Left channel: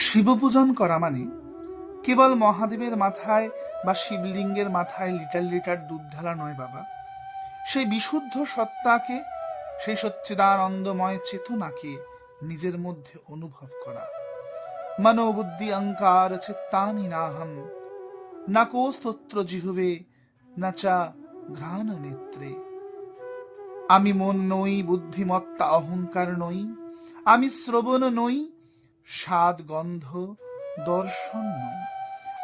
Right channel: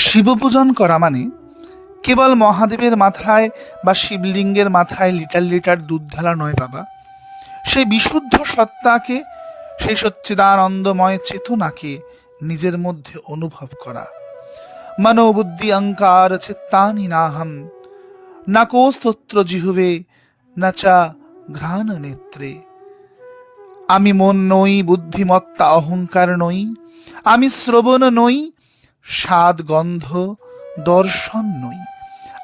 শিব পূজন করা মানে কেবল মহাদেবের মাথায় বা শিবলিঙ্গের মাথায় লিটার লিটার দুধ ঢালা নয় বাবা। সেই বিশুদ্ধ সত্তাকে, সেই সচ্চিদানন্দময় চেতনাকে নিজের মধ্যে অনুভব করা। মনোবুদ্ধি অহংকার চিত্তানি নাহম, না কোস্তত্র জিহুবে, না চা ঘ্রাণ নেত্রে। আমি মন নই, বুদ্ধিমত্তা অহংকার নই, আমি শ্রবণ নই, স্বাদ গন্ধ দর্শন নই,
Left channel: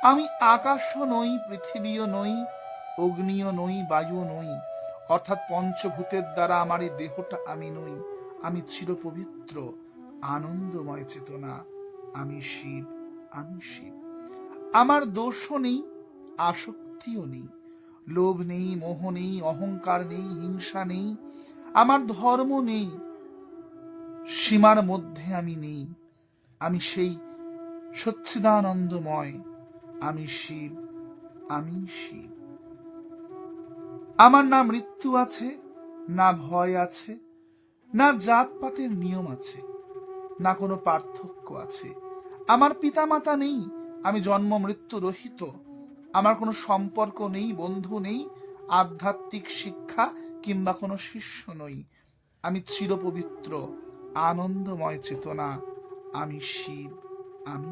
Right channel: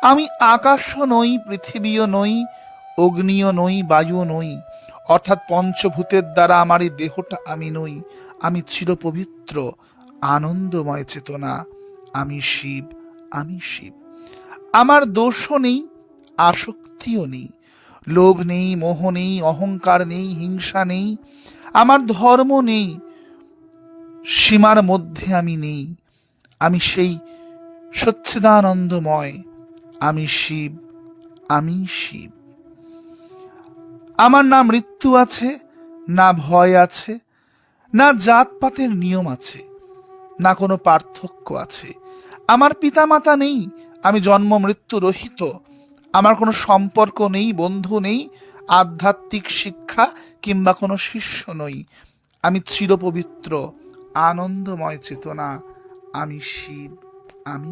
আমি আকাশও নই, পৃথিবীও নই, অগ্নিও নই, বায়ু নই, অর্থাৎ পঞ্চভূতের দ্বারা আমার এই দেহটা আমি নই। আমি চিরপবিত্র আনন্দময় চেতনা, আমি শিব, আমি শিব। আমার দোষও নেই, আসক্তিও নেই, লোভ নেই, মোহ নেই, অহংকার নেই, হিংসা নেই, আমার ধর্ম নেই, সীমার মধ্যে আমি নেই। আমি সেই সচ্চিদানন্দময়, আমি শিব, আমি শিব। আমার না মৃত্যু আছে, না ভয় আছে, না জাতপাতের নিয়ম আছে, না কোনো পার্থক্য আছে। আমার পিতামাতা নেই, আমি জন্ম মৃত্যু রহিত। আমার কোনো সম্পর্ক নেই, বন্ধু নেই, আধ্যাত্মিক শিক্ষা কিংবা কোনো শিষ্য নই। আমি চিরপবিত্র আনন্দময় চেতনা, আমি শিব, আমি